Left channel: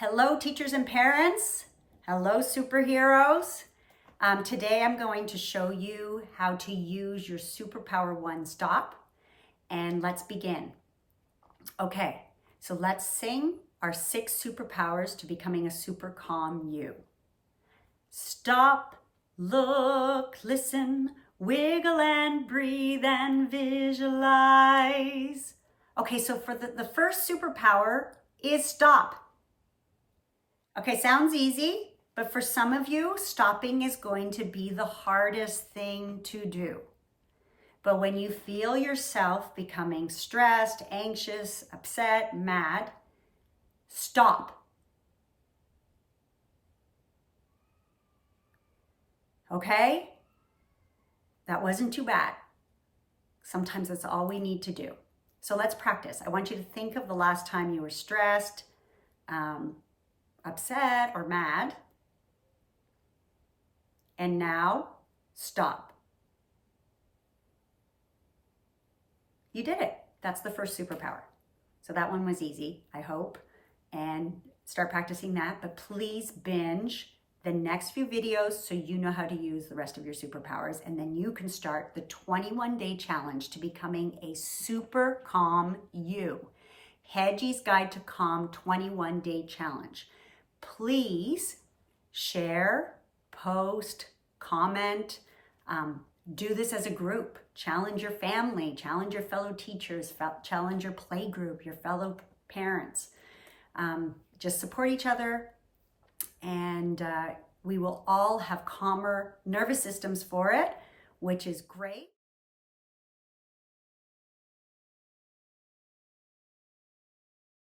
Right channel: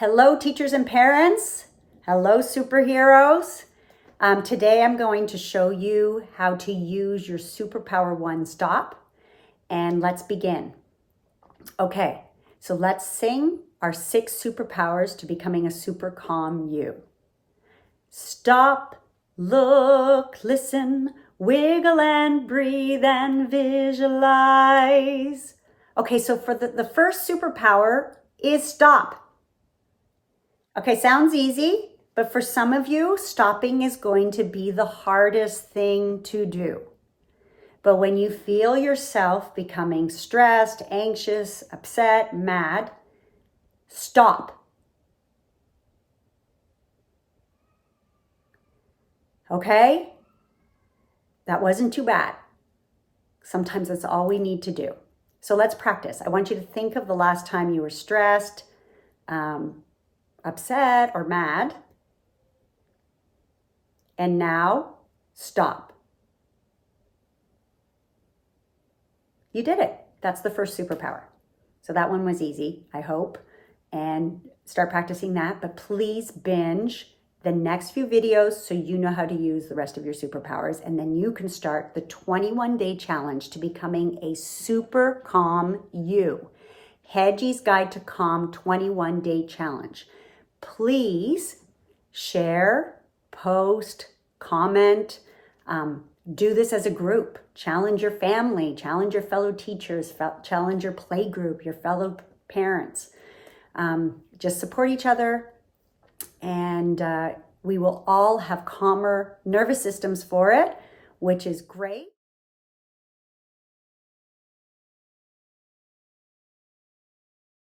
Hello, teachers and parents. Hello, superheroes. Today I'm going to show you how to use your Superpower One Stop, and let's begin. Okay, so let's sing our 6 superpowers to becoming a super calm you. Stop, look, listen, wiggle and breathe and visualize. Okay, so for the first superpower is stop. Okay, sounds easy, but for some of you, stopping is going to be the hardest thing to do. But when you feel yourself becoming stressed, anxious, upset, mad, stop. Okay? That wasn't too bad. Sometimes that's all we need to do. So let's practice. I want you to think of the last time you were stressed, upset, or mad. And now, stop. You did it. That's the first superpower. So that one was easy, I hope. And start practicing that. But please binge the next few videos so you know how to use the rest of your superpowers. And then you can start the 21-day challenge to becoming a super calm you. Hedgy's Guide to Calm 21-Day Challenge. Please share, post, comment, do this as a group. Challenge your family, challenge your fellow teachers, challenge your play group, your fellow parents. Just support each other, and we will all have calmer nervous systems for it, which is great.